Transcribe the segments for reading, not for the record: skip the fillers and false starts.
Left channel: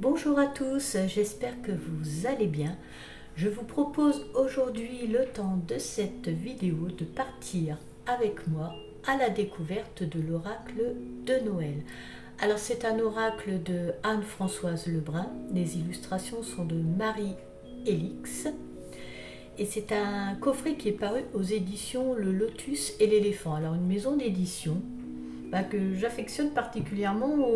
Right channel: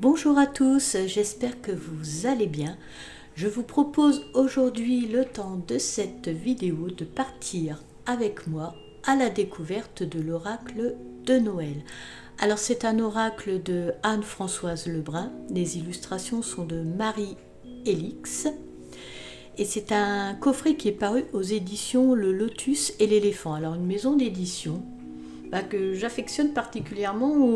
Bonjour à tous, j'espère que vous allez bien. Je vous propose aujourd'hui le temps de cette vidéo de partir avec moi à la découverte de l'oracle de Noël. Alors c'est un oracle de Anne-Françoise Lebrun, les illustrations sont de Marie Elix et c'est un coffret qui est paru aux éditions Le Lotus et l'Éléphant. Alors une maison d'édition que j'affectionne particulièrement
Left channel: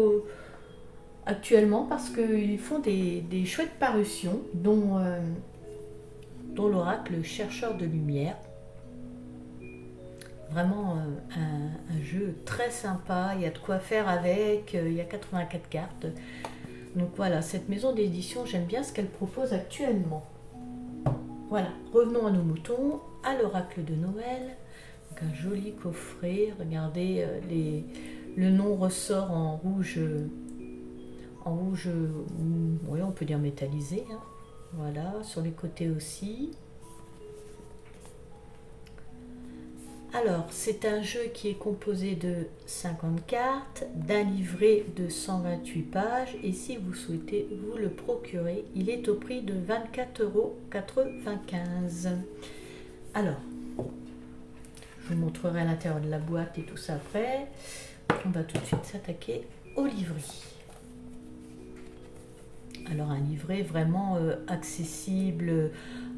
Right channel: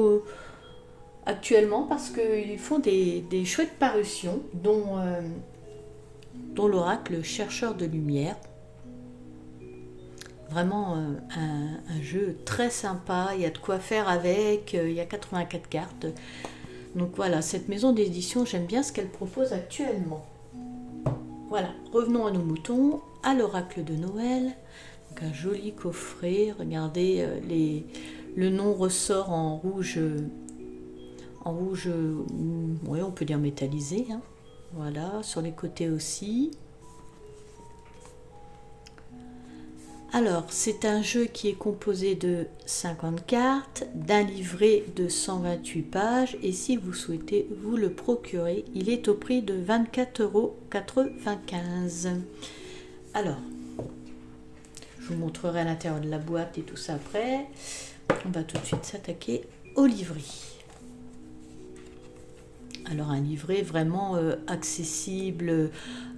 actuellement parce qu'ils font des chouettes parutions, dont l'oracle Chercheur de Lumière. Vraiment un jeu très sympa, il y a de quoi faire avec, il y a 84 cartes. Donc voilà, cette maison d'édition, j'aime bien ce qu'elle propose actuellement. Voilà, revenons à nos moutons, à l'oracle de Noël. Donc un joli coffret, regardez, le nom ressort en rouge, oui, on peut dire métallisé, hein. Voilà, sur les côtés aussi. Alors, c'est un jeu qui est composé de 50 cartes, d'un livret de 128 pages, et si vous souhaitez vous le procurer, il est au prix de 24,95 €. Alors, je vous montrerai à l'intérieur de la boîte et tout ça après. On va tout de suite s'attaquer au livret. Alors un livret vraiment accessible,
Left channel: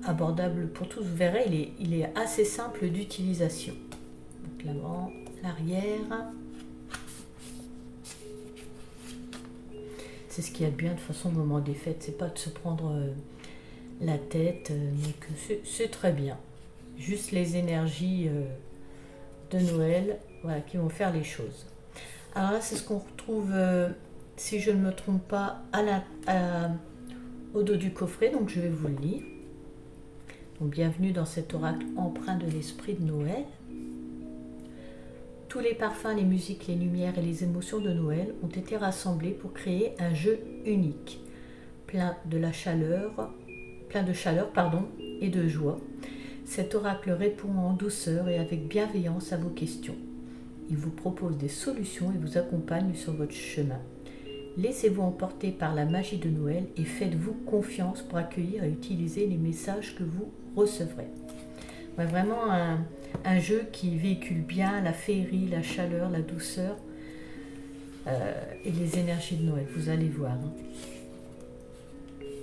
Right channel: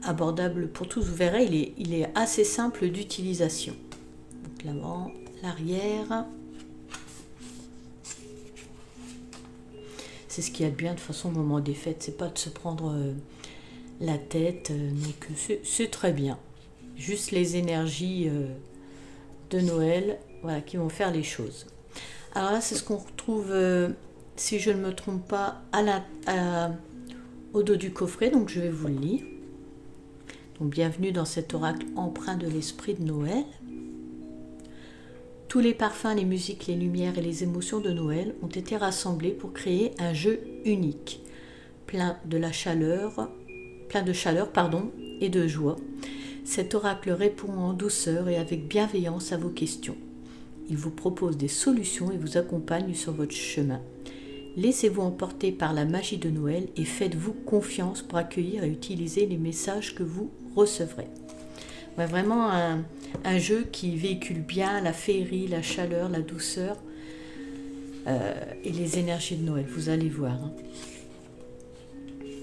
abordable pour tous. Vous verrez, il est assez simple d'utilisation. Donc l'avant, l'arrière. C'est ce qu'il y a de bien de toute façon au moment des fêtes, c'est pas de se prendre la tête, mais que c'est très bien. Juste les énergies de Noël, voilà, qui vont faire les choses. Alors là, c'est ce qu'on retrouve, si je ne me trompe pas, au dos du coffret, donc je vais vous le lire. Donc, bienvenue dans cet oracle empreint de l'esprit de Noël. Tous les parfums, les musiques, les lumières et les émotions de Noël ont été rassemblés pour créer un jeu unique, plein de chaleur, et de joie. Cet oracle répond en douceur et avec bienveillance à vos questions. Il vous propose des solutions et vous accompagne sur votre chemin. Laissez-vous emporter par la magie de Noël et faites-vous confiance pour accueillir et utiliser les messages que vous recevrez. Vraiment un jeu qui véhicule bien la féerie, la chaleur, la douceur et les énergies de Noël, vous allez voir.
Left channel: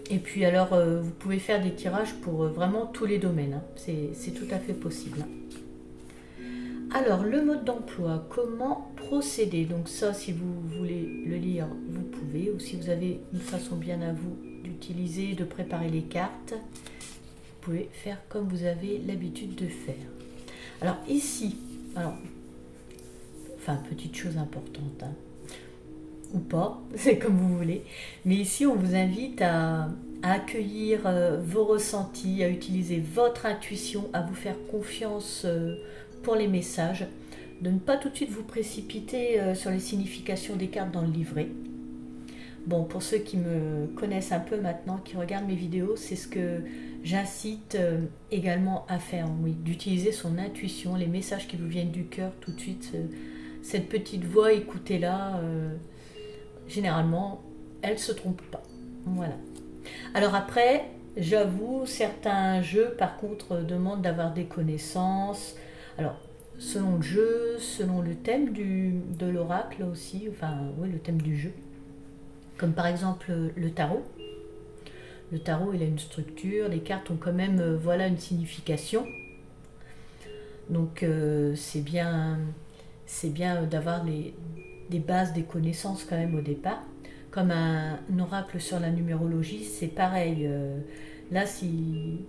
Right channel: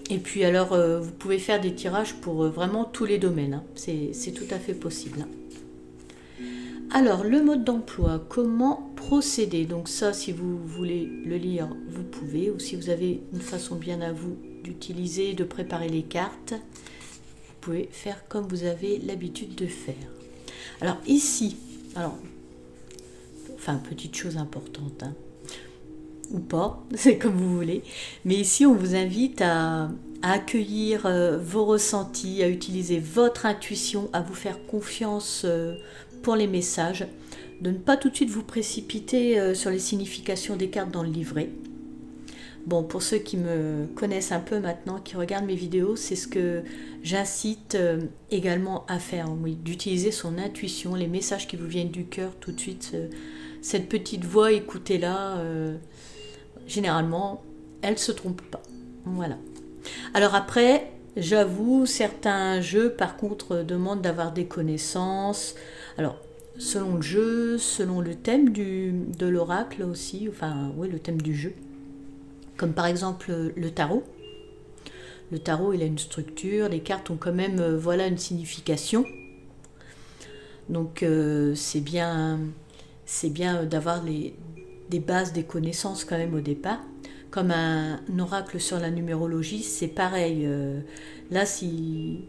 Et puis alors, vous pouvez faire des tirages pour vraiment tous les domaines, c'est tout à fait possible. Alors, le mode d'emploi, comment procéder? Donc ça, si vous voulez le lire, vous pouvez, ou si vous avez une façon bien à vous d'utiliser, de préparer les cartes, vous pouvez faire comme vous avez l'habitude de faire. Alors ici, petite chose importante, hein, ou pas, c'est comme vous voulez, mais ici on vous invite à accueillir vos ressentis, à utiliser votre intuition, à vous faire confiance pour les messages, de ne pas tout de suite vous précipiter sur les significations des cartes dans le livret. Bon, pour ceux qui me connaissent un peu maintenant, qui regardent mes vidéos, c'est ce que j'incite également à faire, oui, d'utiliser son intuition, les messages qui vous viennent du cœur tout de suite, cette petite voix, écoutez-la, généralement, elle ne se trompe pas. Voilà. Alors après, j'avoue, certains jeux, par contre, demandent d'avoir des connaissances. Alors, selon le jeu, selon le thème de l'oracle aussi, le thème du jeu. Comme par exemple le tarot. Le tarot, il a une structure, les cartes ont quand même une signification. Donc, c'est bien d'avoir des bases, des connaissances quand même au départ. Comme un oracle sur la numérologie, c'est pareil. Là, si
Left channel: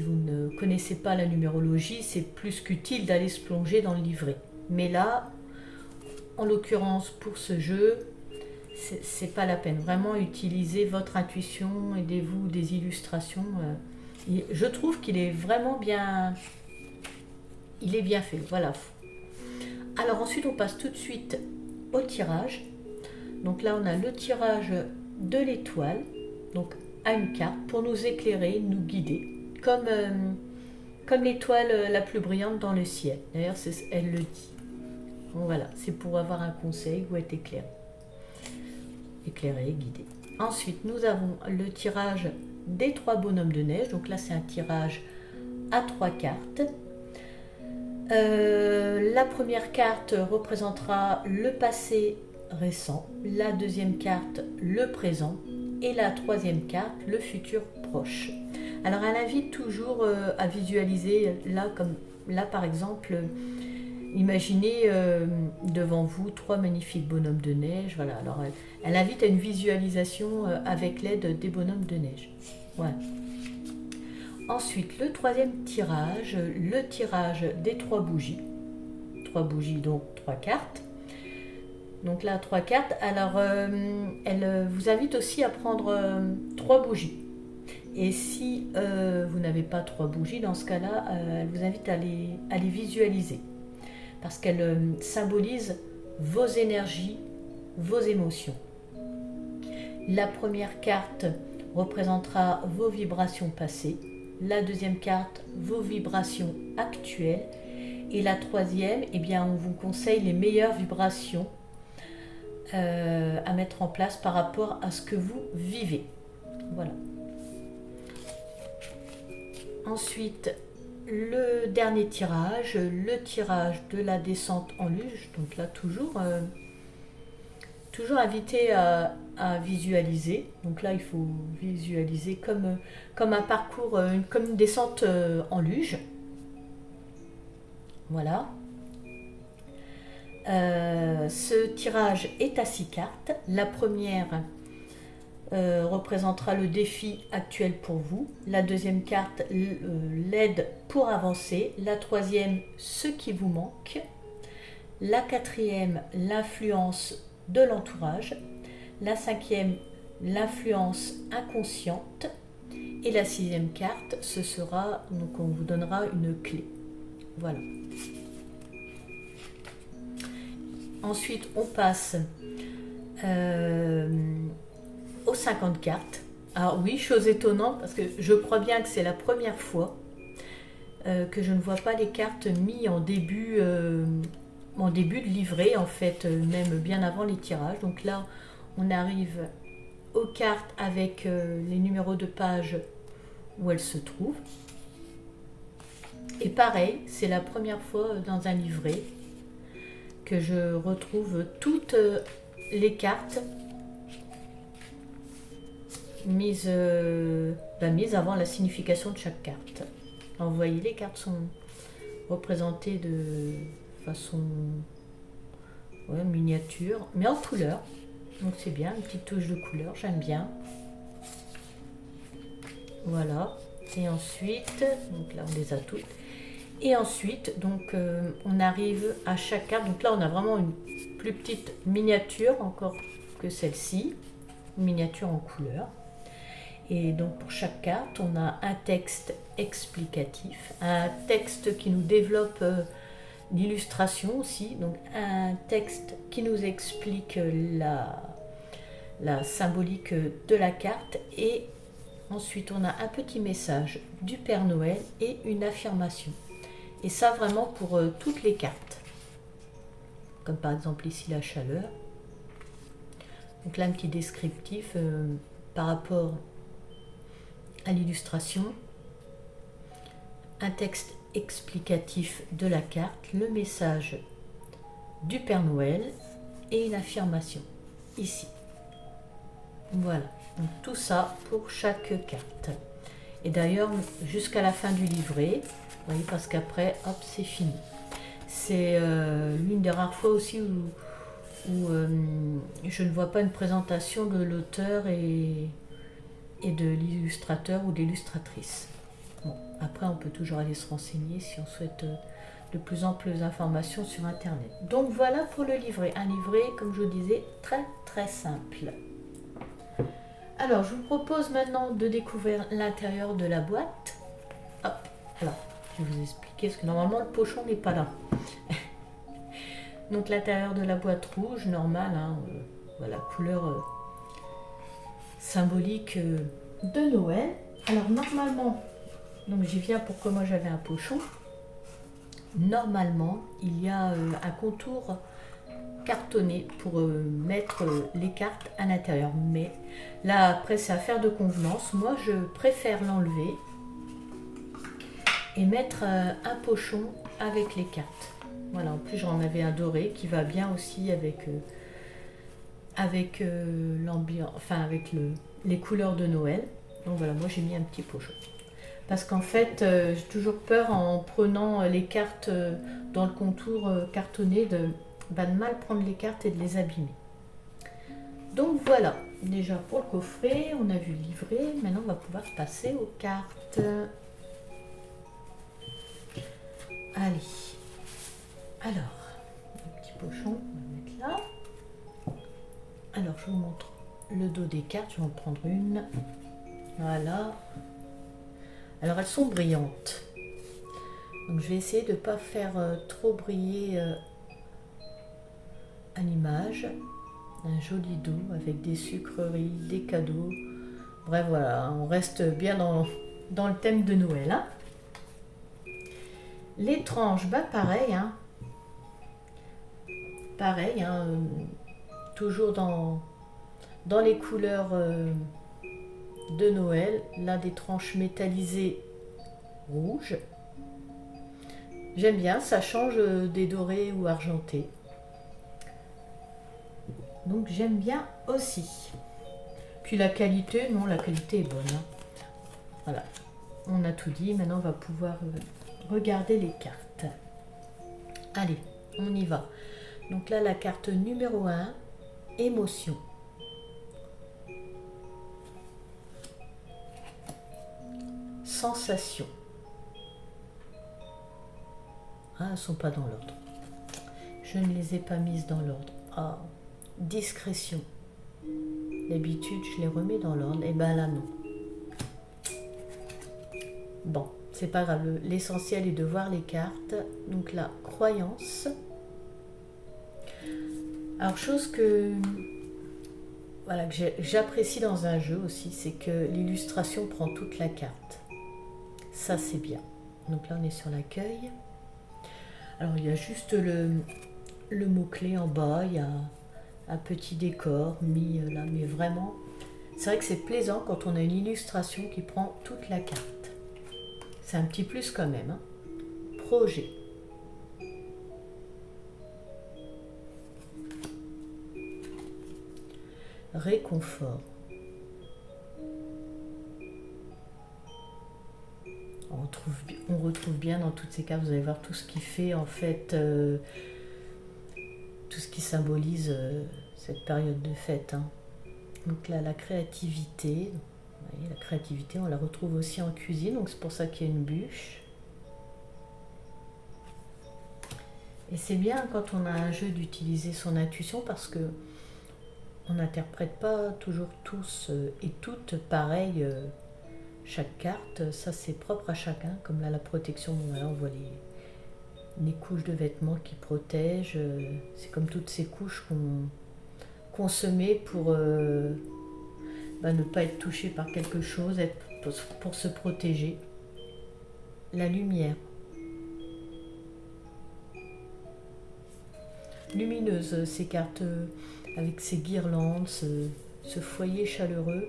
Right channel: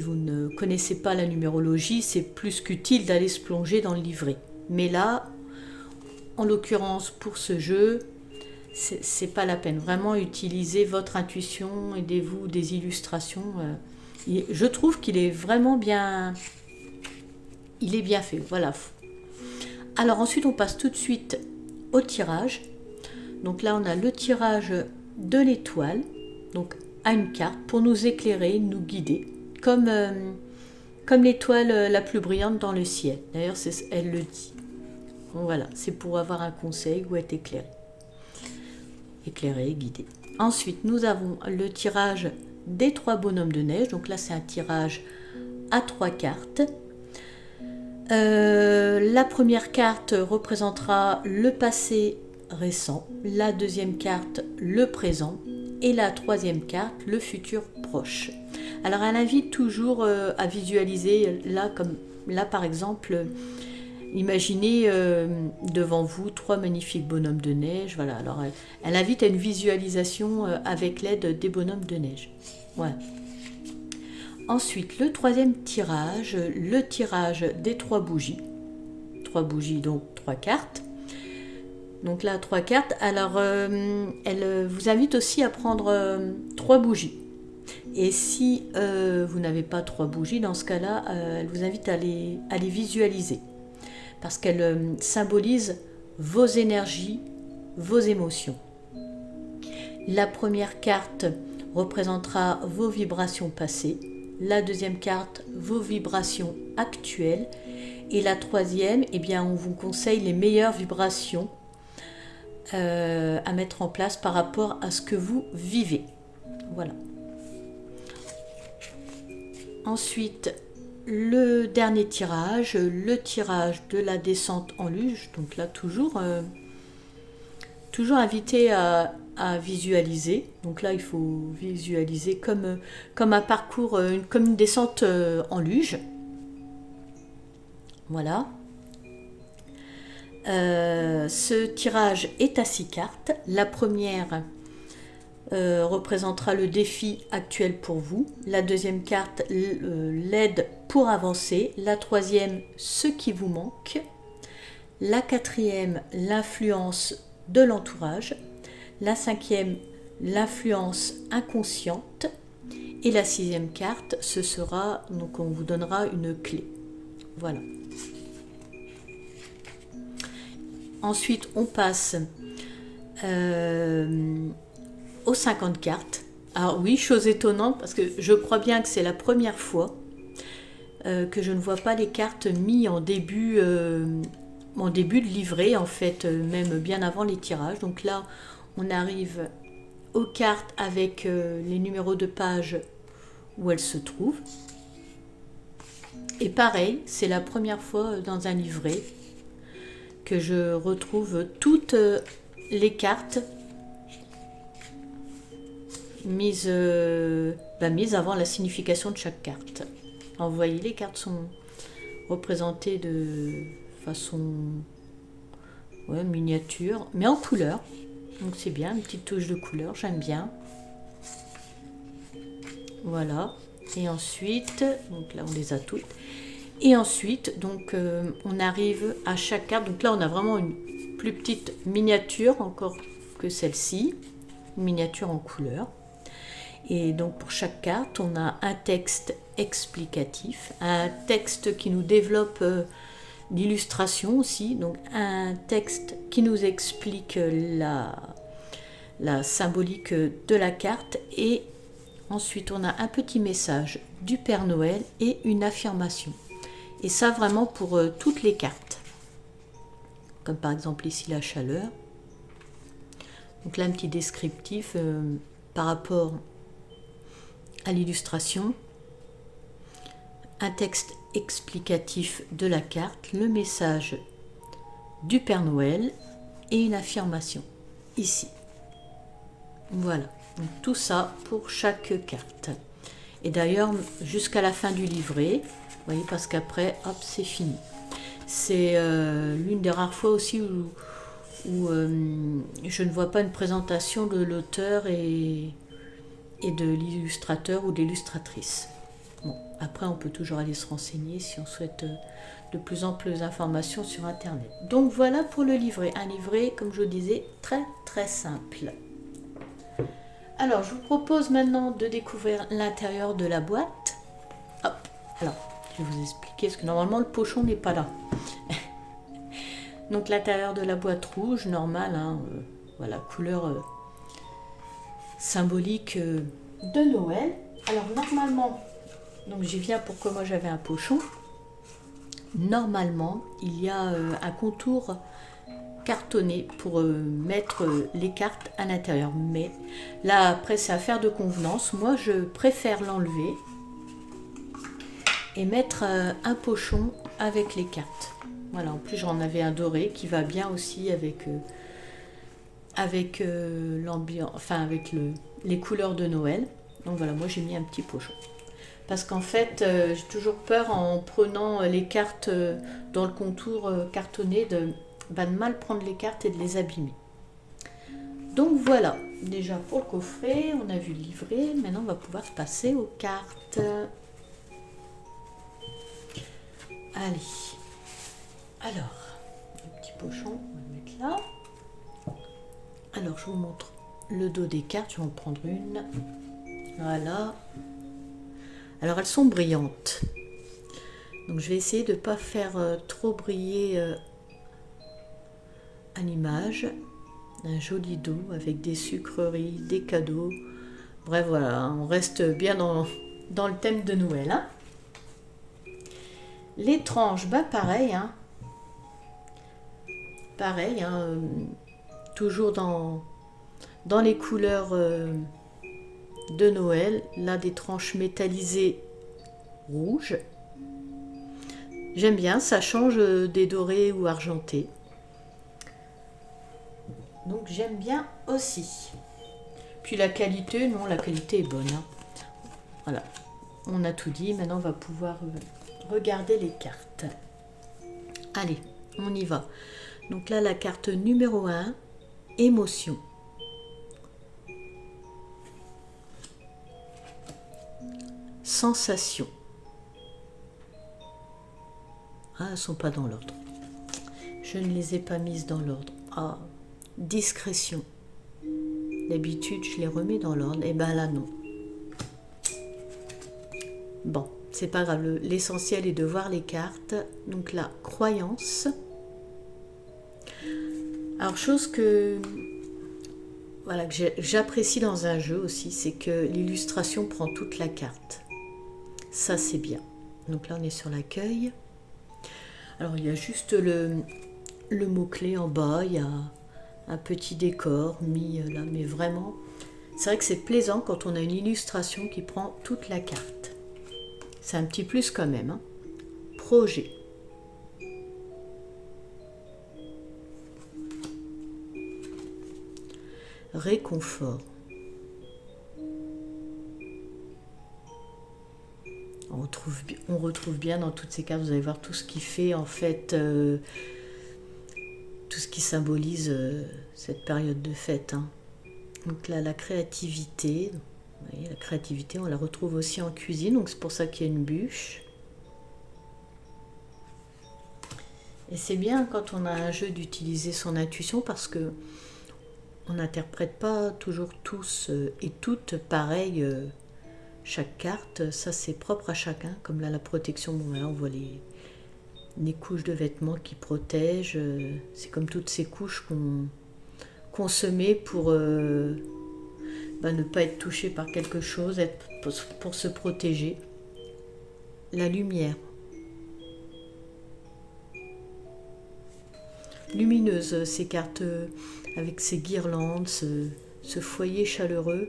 vous ne connaissez pas la numérologie, c'est plus qu'utile d'aller se plonger dans le livret. Mais là, en l'occurrence, pour ce jeu, c'est pas la peine. Vraiment, utilisez votre intuition, aidez-vous des illustrations. Je trouve qu'il est vraiment bien... Il est bien fait, voilà. Alors ensuite, on passe tout de suite au tirage. Donc là, on a le tirage de l'étoile, donc à une carte, pour nous éclairer, nous guider, comme l'étoile la plus brillante dans le ciel. D'ailleurs, elle le dit. Voilà, c'est pour avoir un conseil ou être éclairé. éclairé, guidé. Ensuite, nous avons le tirage des 3 bonhommes de neige. Donc là, c'est un tirage à 3 cartes. La première carte représentera le passé récent, la deuxième carte le présent et la troisième carte le futur proche. Alors elle invite toujours à visualiser, là par exemple, imaginez devant vous 3 magnifiques bonhommes de neige. Voilà, alors elle invite à une visualisation avec l'aide des bonhommes de neige. Voilà. Ensuite, le troisième tirage, le tirage des 3 bougies. 3 bougies, donc 3 cartes. Donc là, 3 cartes. Alors, elle vous invite aussi à prendre 3 bougies. Et si vous n'avez pas 3 bougies, dans ce cas-là, elle vous invite à les visualiser. Parce qu'elle symbolise vos énergies, vos émotions. La première carte représentera vos vibrations passées. La deuxième carte, vos vibrations actuelles. Et la troisième, eh bien, on vous conseille les meilleures vibrations à mettre en place par rapport à ce que vous vivez. Voilà. Ensuite, le dernier tirage, le tirage de la descente en luge. Donc là, toujours invité à visualiser. Donc là, il faut visualiser comme un parcours, comme une descente en luge. Voilà. Ce tirage est à 6 cartes. La première représentera le défi actuel pour vous. La deuxième carte, l'aide pour avancer. La troisième, ce qui vous manque. La quatrième, l'influence de l'entourage. La cinquième, l'influence inconsciente. Et la sixième carte, ce sera, donc on vous donnera une clé. Voilà. Ensuite, on passe aux 50 cartes. Alors oui, chose étonnante, parce que je crois bien que c'est la première fois que je ne vois pas les cartes mises en début de livret, en fait, même bien avant les tirages. Donc là, on arrive aux cartes avec les numéros de page où elles se trouvent. Et pareil, c'est la première fois dans un livret que je retrouve toutes les cartes mises avant la signification de chaque carte. Alors vous voyez, les cartes sont représentées de façon miniature, mais en couleur. Donc c'est bien, une petite touche de couleur, j'aime bien. Voilà. Et ensuite, donc là on les a toutes. Et ensuite, donc on arrive à chaque carte. Donc là on a vraiment une plus petite miniature encore que celle-ci, une miniature en couleur. Et donc pour chaque carte, on a un texte explicatif, un texte qui nous développe l'illustration aussi, donc un texte qui nous explique la symbolique de la carte, et ensuite on a un petit message du Père Noël et une affirmation. Et ça vraiment pour toutes les cartes. Comme par exemple ici la chaleur. Donc là un petit descriptif par rapport à l'illustration. Un texte explicatif de la carte, le message du Père Noël et une affirmation ici. Voilà, donc tout ça pour chaque carte. Et d'ailleurs, jusqu'à la fin du livret, vous voyez, parce qu'après, hop, c'est fini. C'est l'une des rares fois aussi où je ne vois pas une présentation de l'auteur et de l'illustrateur ou de l'illustratrice. Bon, après, on peut toujours aller se renseigner si on souhaite de plus amples informations sur Internet. Donc voilà pour le livret. Un livret, comme je vous disais, très très simple. Alors, je vous propose maintenant de découvrir l'intérieur de la boîte. Hop, alors, je vais vous expliquer, parce que normalement, le pochon n'est pas là. Donc, l'intérieur de la boîte rouge, normale, hein, voilà, couleur symbolique de Noël. Alors, normalement, donc j'y viens pourquoi moi j'avais un pochon. Normalement, il y a un contour cartonné pour mettre les cartes à l'intérieur. Mais là, après, c'est affaire de convenance. Moi, je préfère l'enlever et mettre un pochon avec les cartes. Voilà, en plus, j'en avais un doré qui va bien aussi avec l'ambiance, enfin avec les couleurs de Noël. Donc voilà, moi j'ai mis un petit pochon. Parce qu'en fait, j'ai toujours peur en prenant les cartes dans le contour cartonné de mal prendre les cartes et de les abîmer. Donc voilà, déjà pour le coffret, on a vu le livret. Maintenant, on va pouvoir passer aux cartes. Allez. Alors, le petit pochon, on va le mettre là. Alors, je vous montre le dos des cartes. Je vais en prendre une. Voilà. Alors, elles sont brillantes. Donc, je vais essayer de ne pas faire trop briller à l'image. Un joli dos avec des sucreries, des cadeaux. Bref, voilà, on reste bien dans le thème de Noël. Hein. Les tranches, bah pareil. Hein. Pareil, hein, toujours dans les couleurs de Noël. Là, des tranches métallisées rouges. J'aime bien, ça change des dorés ou argentés. Donc j'aime bien aussi. Puis la qualité, non, la qualité est bonne. Hein. Voilà, on a tout dit. Maintenant, on va pouvoir regarder les cartes. Allez, on y va. Donc là, la carte numéro 1, émotion. Sensation. Ah, elles ne sont pas dans l'ordre. Je ne les ai pas mises dans l'ordre. Ah, discrétion. D'habitude, je les remets dans l'ordre. Et bien là, non. Bon, c'est pas grave. L'essentiel est de voir les cartes. Donc là, croyance. Alors, chose que j'apprécie dans un jeu aussi, c'est que l'illustration prend toute la carte. Ça, c'est bien. Donc là, on est sur l'accueil. Alors, il y a juste le mot-clé en bas. Il y a un petit décor mis là. Mais vraiment, c'est vrai que c'est plaisant quand on a une illustration qui prend toute la carte. C'est un petit plus quand même. Hein. Projet. Réconfort. On retrouve bien dans toutes ces cartes, vous allez voir tout ce qui fait en fait, tout ce qui symbolise cette période de fête. Hein. Donc là, la créativité, vous voyez, la créativité, on la retrouve aussi en cuisine, donc c'est pour ça qu'il y a une bûche. Et c'est bien quand on a un jeu d'utiliser son intuition parce que on n'interprète pas toujours tous et toutes pareil chaque carte. Ça, c'est propre à chacun. Comme là, la protection, bon, là, on voit les couches de vêtements qui protègent. C'est comme toutes ces couches qu'on se met pour ne pas être touché par quelque chose, pour se protéger. La lumière. Lumineuse, ces cartes avec ces guirlandes, ce foyer chaleureux.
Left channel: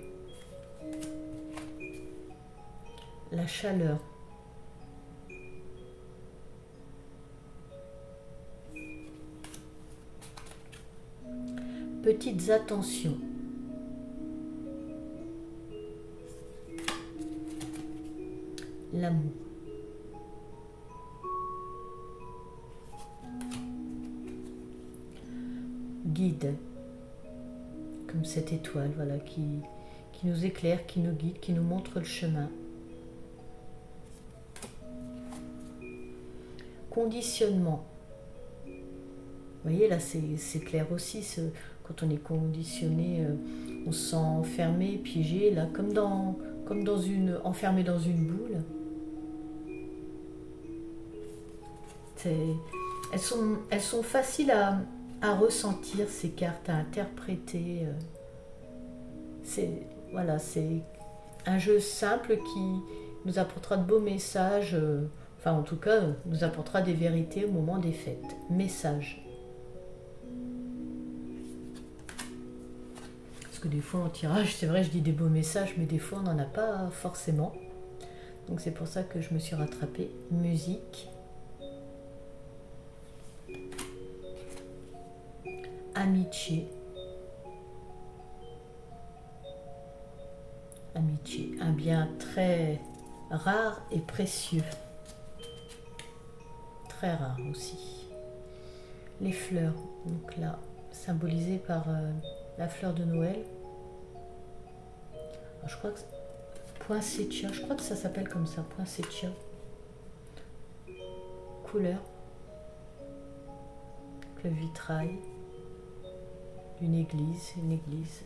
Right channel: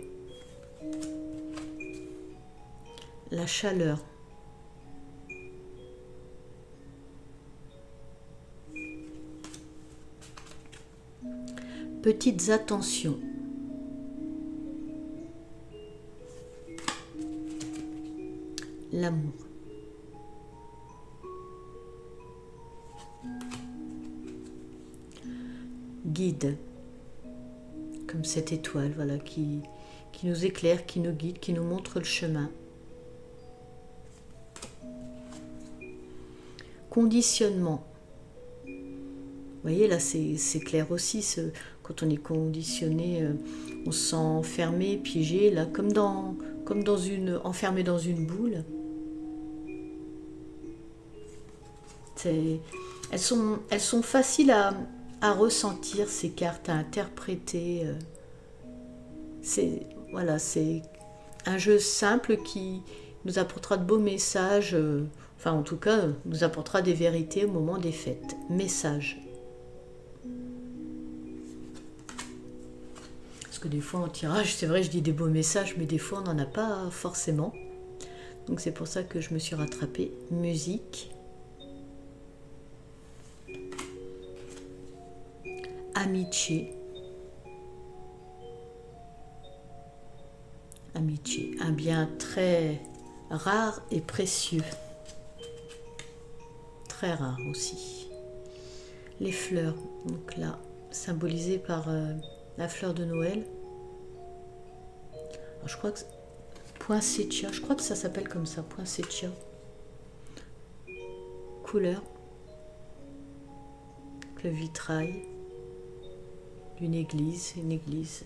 La chaleur. Petites attentions. L'amour. Guide. Comme cette étoile, voilà, qui nous éclaire, qui nous guide, qui nous montre le chemin. Conditionnement. Vous voyez, là, c'est clair aussi. Quand on est conditionné, on se sent enfermé, piégé, là, enfermé dans une boule. Elles sont faciles à ressentir, ces cartes, à interpréter. C'est un jeu simple qui nous apportera de beaux messages, enfin en tout cas nous apportera des vérités au moment des fêtes. Message. Parce que des fois en tirage, c'est vrai, je dis des beaux messages, mais des fois on n'en a pas forcément. Donc c'est pour ça que je me suis rattrapée. Musique. Amitié. Amitié, un bien très rare et précieux. Très rare aussi. Les fleurs, donc là, symbolisées par la fleur de Noël. Alors, je crois que poinsettia, je crois que ça s'appelle comme ça, poinsettia. Couleur, le vitrail d'une église, une église.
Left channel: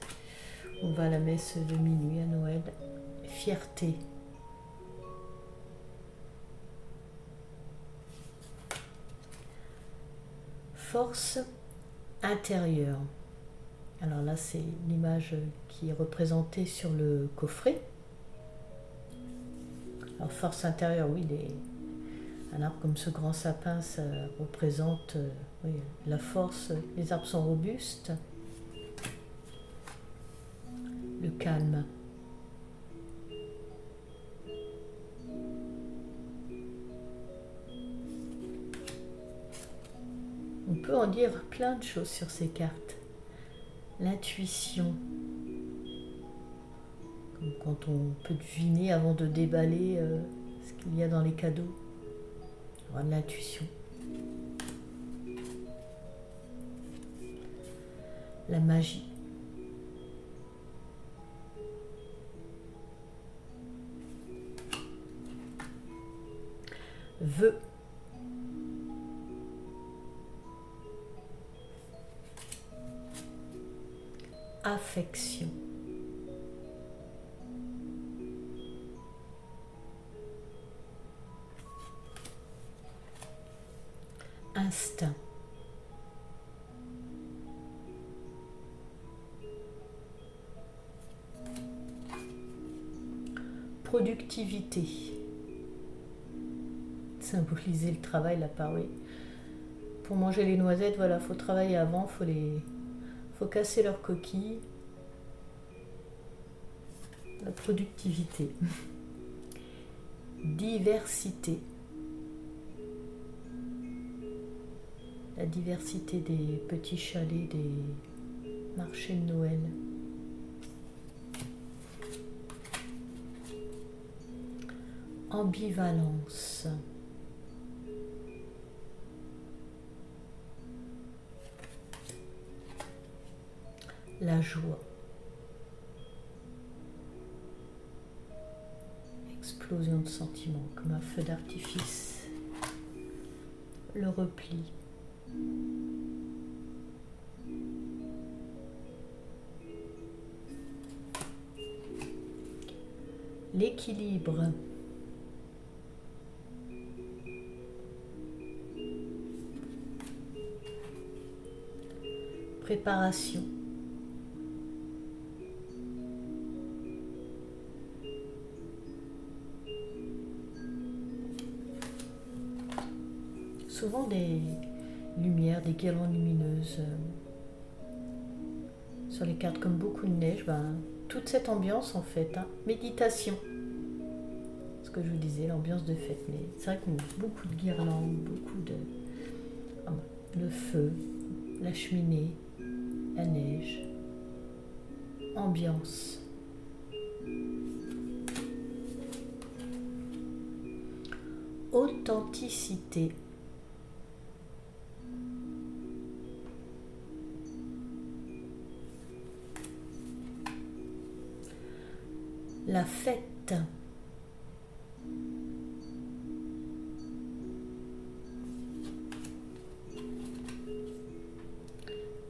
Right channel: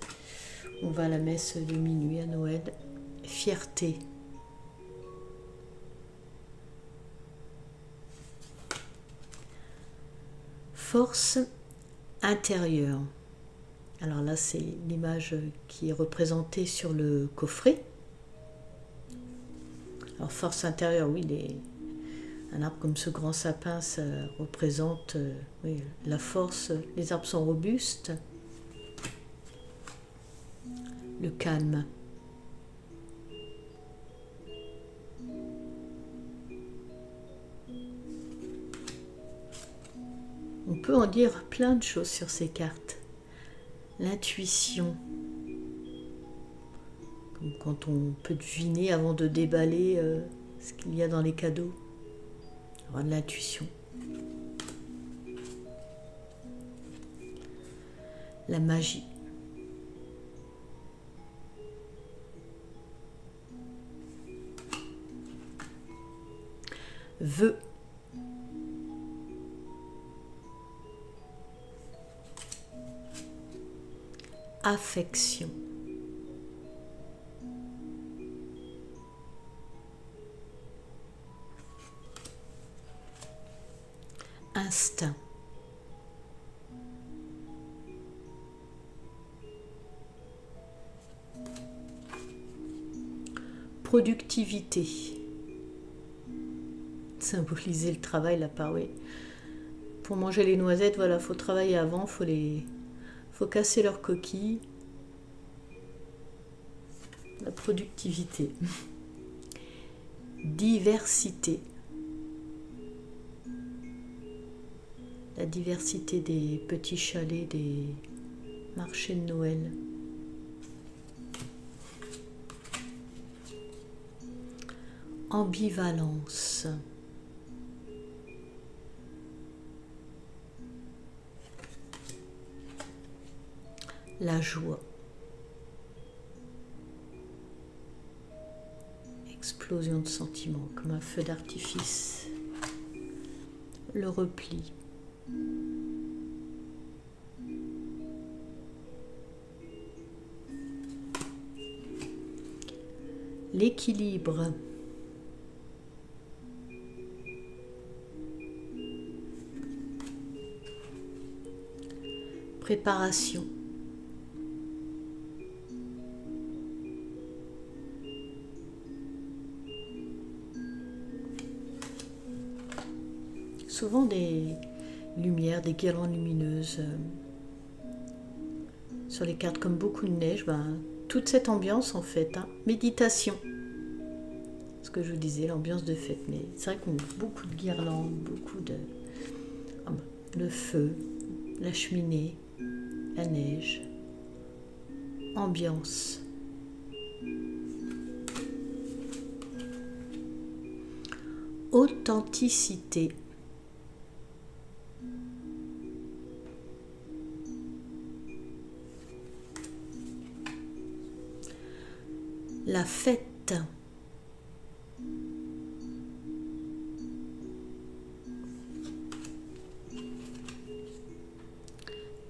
On va à la messe de minuit à Noël. Fierté. Force intérieure. Alors là, c'est l'image qui est représentée sur le coffret. Alors force intérieure, oui, un arbre comme ce grand sapin, ça représente oui, la force. Les arbres sont robustes. Le calme. On peut en dire plein de choses sur ces cartes. L'intuition. Comme quand on peut deviner avant de déballer ce qu'il y a dans les cadeaux. Avoir de l'intuition. La magie. Vœux. Affection. Instinct. Productivité. Symboliser le travail, la part, oui. Pour manger les noisettes, voilà, faut travailler avant, faut casser leurs coquilles. La productivité. Diversité. La diversité des petits chalets, des marchés de Noël. Ambivalence. La joie. Explosion de sentiments, comme un feu d'artifice. Le repli. L'équilibre. Préparation. Souvent des lumières, des guirlandes lumineuses sur les cartes, comme beaucoup de neige, toute cette ambiance en fait, méditation. Ce que je vous disais, l'ambiance de fête, mais c'est vrai qu'on a beaucoup de guirlandes, beaucoup de... le feu, la cheminée, la neige, ambiance. Authenticité. La fête.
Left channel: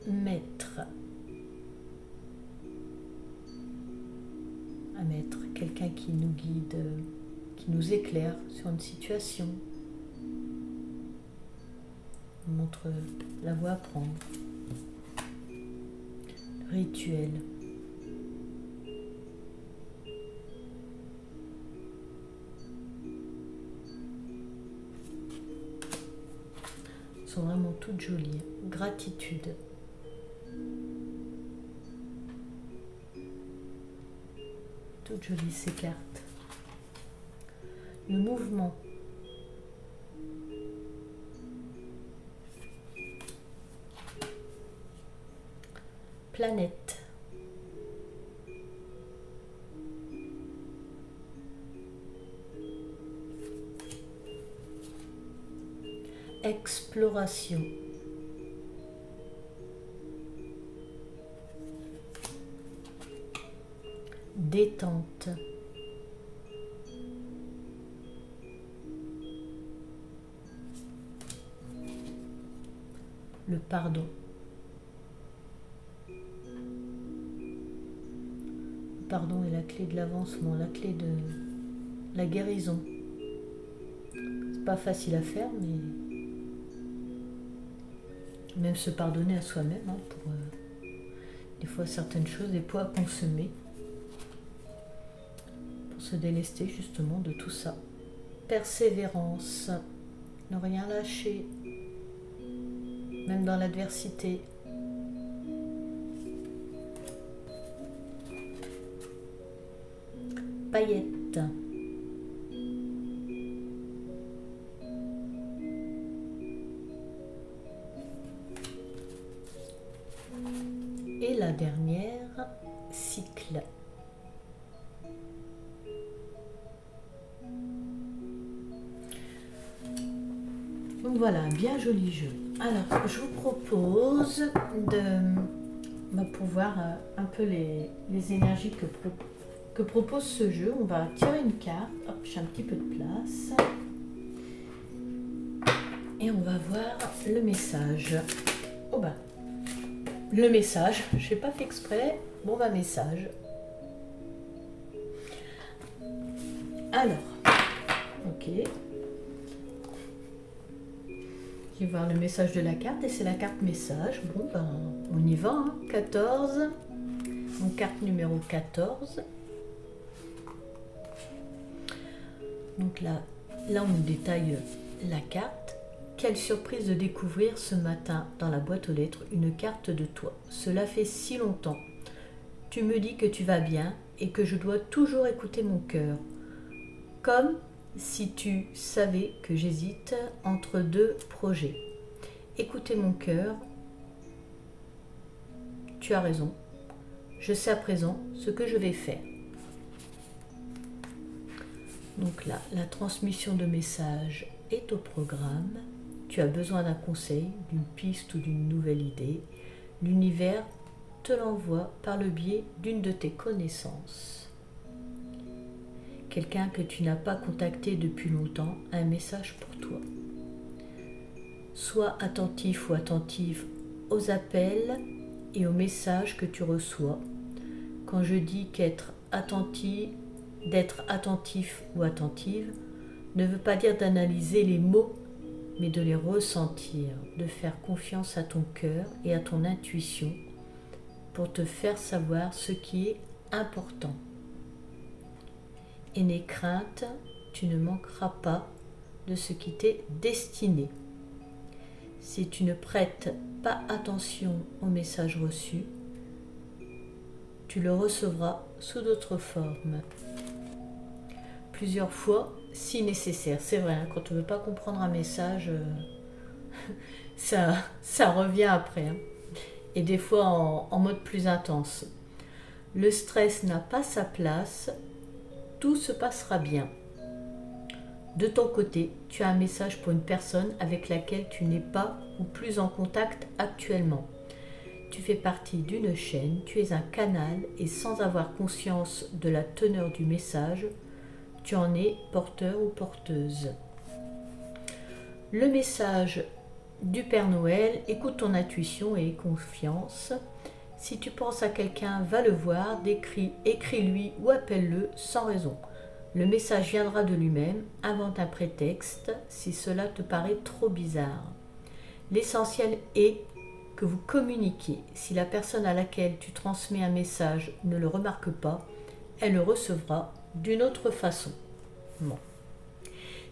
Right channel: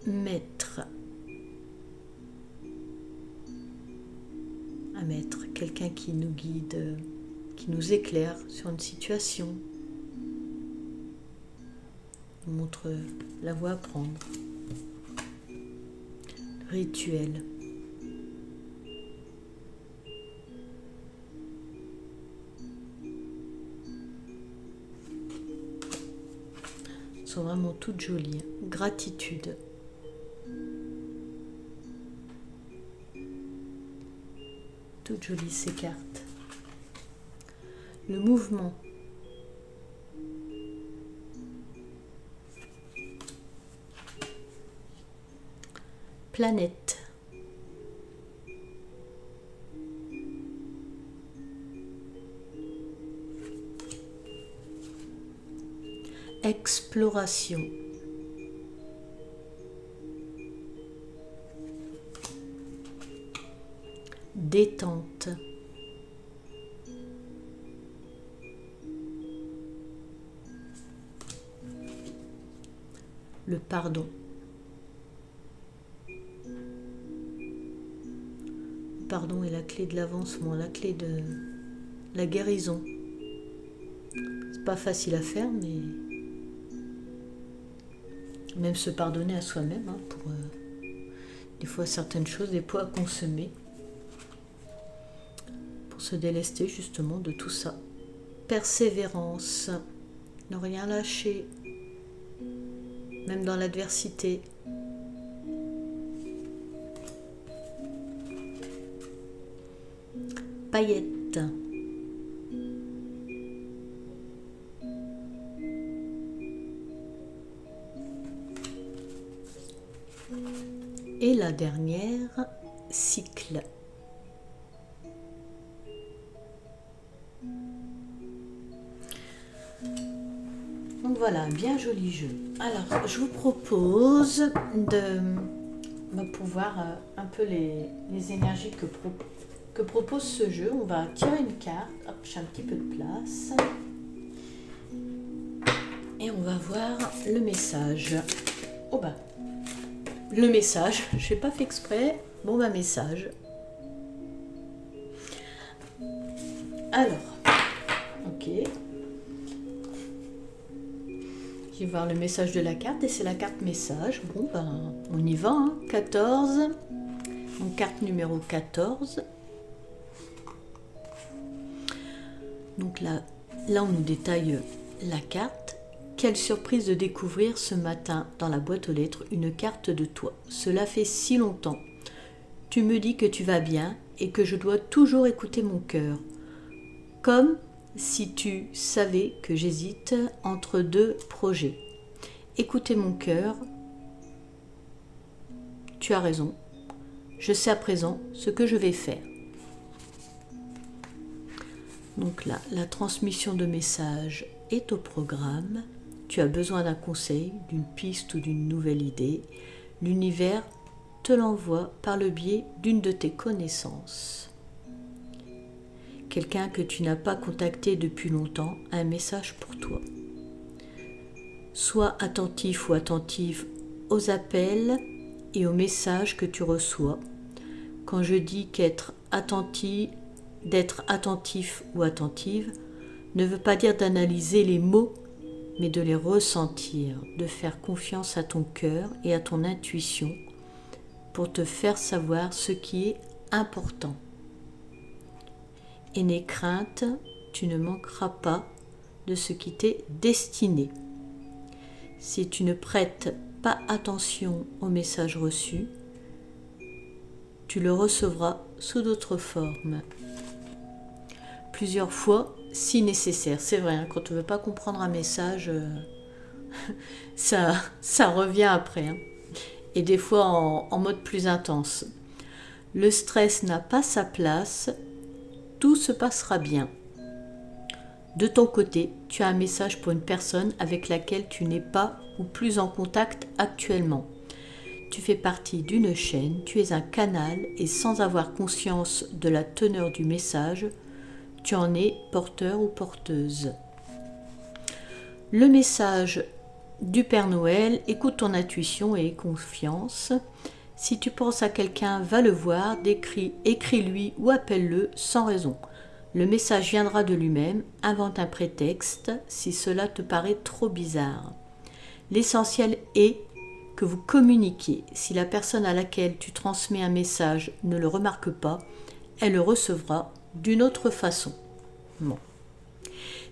Maître. Un maître, quelqu'un qui nous guide, qui nous éclaire sur une situation, nous montre la voie à prendre. Rituel. Elles sont vraiment toutes jolies. Gratitude. Toutes jolies ces cartes. Le mouvement. Planète. Exploration. Détente. Le pardon. Le pardon est la clé de l'avancement, la clé de la guérison. C'est pas facile à faire, mais même se pardonner à soi-même, hein, pour des fois certaines choses, des poids à consommer, pour se délester justement de tout ça. Persévérance, ne rien lâcher, même dans l'adversité. Paillettes. Et la dernière, cycle. Donc voilà, un bien joli jeu. Alors, je vous propose de pouvoir un peu les énergies que propose ce jeu. On va tirer une carte. Hop, j'ai un petit peu de place. Et on va voir le message. Oh bah, le message, je n'ai pas fait exprès. Bon bah, message. Alors, ok. Je vais voir le message de la carte et c'est la carte message. Bon ben, on y va, hein. 14. Donc carte numéro 14. Donc là on nous détaille la carte. Quelle surprise de découvrir ce matin dans la boîte aux lettres une carte de toi. Cela fait si longtemps. Tu me dis que tu vas bien et que je dois toujours écouter mon cœur. Comme si tu savais que j'hésite entre deux projets. Écoutez mon cœur. Tu as raison. Je sais à présent ce que je vais faire. Donc là, la transmission de messages est au programme. Tu as besoin d'un conseil, d'une piste ou d'une nouvelle idée. L'univers te l'envoie par le biais d'une de tes connaissances. Quelqu'un que tu n'as pas contacté depuis longtemps a un message pour toi. Sois attentif ou attentive aux appels et aux messages que tu reçois. Quand je dis d'être attentif ou attentive ne veut pas dire d'analyser les mots, mais de les ressentir, de faire confiance à ton cœur et à ton intuition pour te faire savoir ce qui est important. Et n'aie crainte, tu ne manqueras pas de ce qui t'est destiné. Si tu ne prêtes pas attention au message reçu, tu le recevras sous d'autres formes. Plusieurs fois, si nécessaire. C'est vrai, hein, quand on ne veut pas comprendre un message, ça revient après. Hein. Et des fois en mode plus intense. Le stress n'a pas sa place. Tout se passera bien. De ton côté, tu as un message pour une personne avec laquelle tu n'es pas ou plus en contact actuellement. Tu fais partie d'une chaîne, tu es un canal et sans avoir conscience de la teneur du message, tu en es porteur ou porteuse. Le message du Père Noël, écoute ton intuition et aie confiance. Si tu penses à quelqu'un, va le voir, écris-lui ou appelle-le sans raison. Le message viendra de lui-même, invente un prétexte si cela te paraît trop bizarre. L'essentiel est que vous communiquiez. Si la personne à laquelle tu transmets un message ne le remarque pas, elle le recevra d'une autre façon. Bon.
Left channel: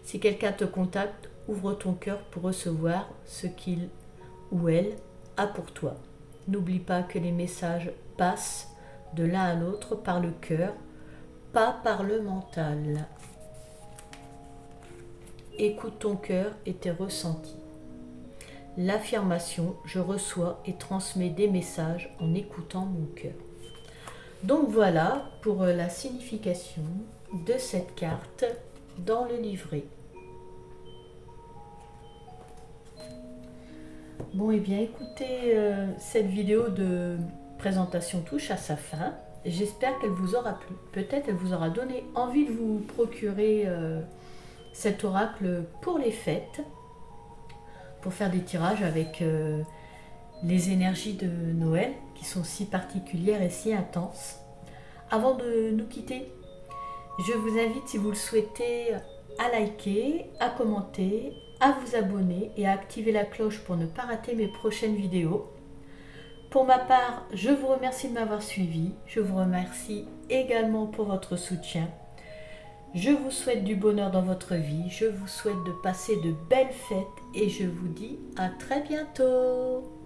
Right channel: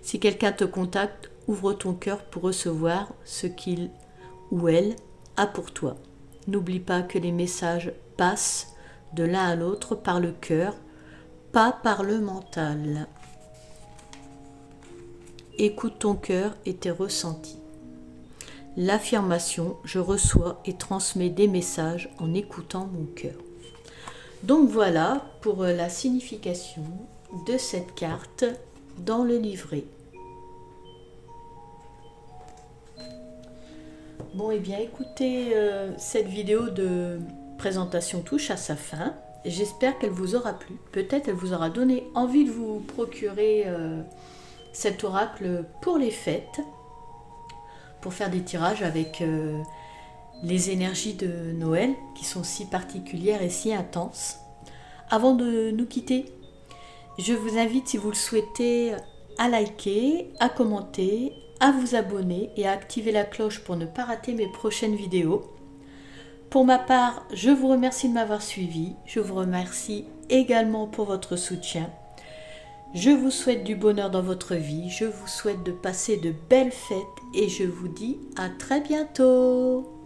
Si quelqu'un te contacte, ouvre ton cœur pour recevoir ce qu'il ou elle a pour toi. N'oublie pas que les messages passent de l'un à l'autre par le cœur. pas par le mental. Écoute ton cœur et tes ressentis. L'affirmation, je reçois et transmets des messages en écoutant mon cœur. Donc voilà pour la signification de cette carte dans le livret. Bon, et bien écoutez, cette vidéo de présentation touche à sa fin. J'espère qu'elle vous aura plu. Peut-être elle vous aura donné envie de vous procurer cet oracle pour les fêtes, pour faire des tirages avec les énergies de Noël qui sont si particulières et si intenses. Avant de nous quitter, je vous invite, si vous le souhaitez, à liker, à commenter, à vous abonner et à activer la cloche pour ne pas rater mes prochaines vidéos. Pour ma part, je vous remercie de m'avoir suivi. Je vous remercie également pour votre soutien. Je vous souhaite du bonheur dans votre vie. Je vous souhaite de passer de belles fêtes et je vous dis à très bientôt.